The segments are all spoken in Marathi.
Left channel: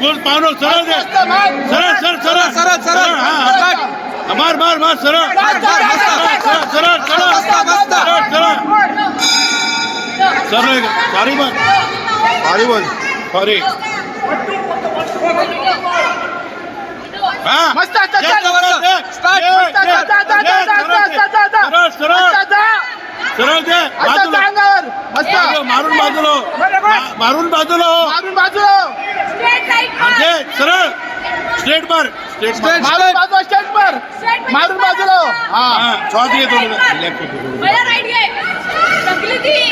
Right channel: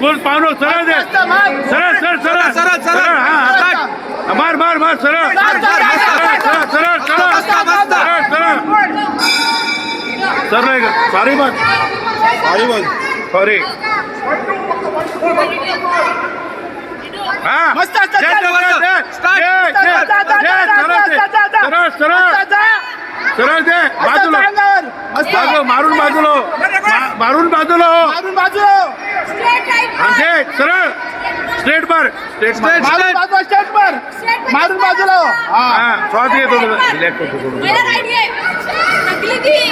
कोण पावलो सरळ दे सरळ सरळ सरळ सरळ सरळ हा मार मार मार सरळ सरळ सरळ सॉरी बोल सॉरी बोल सॉरी हा मस्त सरळ दे मस्त मारून बाजूला मारून बाजूला मारून बाजूला म्हणजे सरळ स्ट्रेट मार स्ट्रेट मारून बाजूला स्ट्रेट मार मारून बाजूला हा शॉट येतो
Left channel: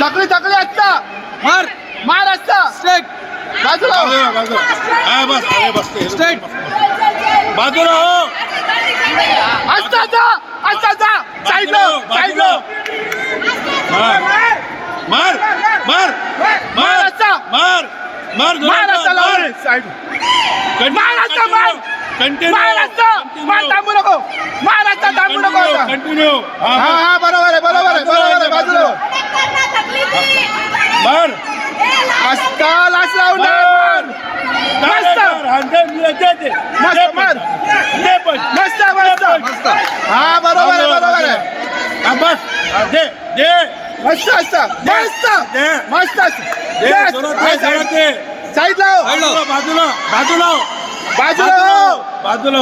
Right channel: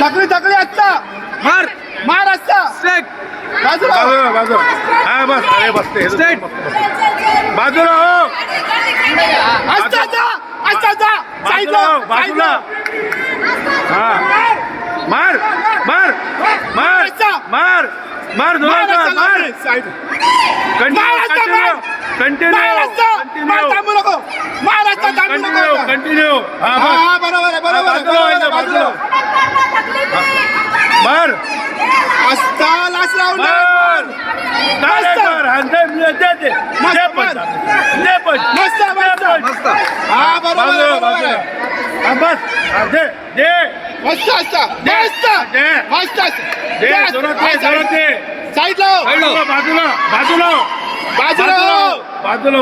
तकली तकली असता मार मार असता स्ट्रेट बाजूला बाजूला हा बस अरे बसते स्ट्रेट बाजूला हो असता जा असता जा बाजूला बाजूला हा मार मार मार मार मार मार मार कंटिन्यू कंटिन्यू हा बरोबर बाजूला मार असता लाच लावून हा बरोबर बस दे दे मस्त असता मस्त साईड लाव बाजूला बाजूला बाजूला बाजूला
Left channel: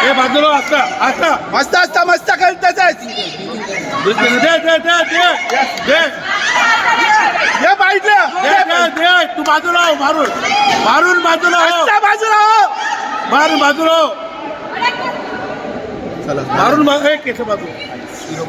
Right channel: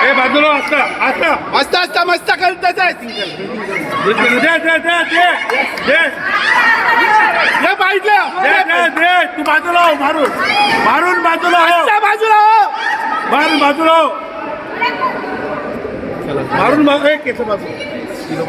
हे बाजूला असता असता मस्त असता मस्त करत दे दे दे दे दे हे पाहिजे दे दे दे तू बाजूला हो मारून मारून बाजूला हो बाजूला मारून बाजूला हो मारून केस बाजू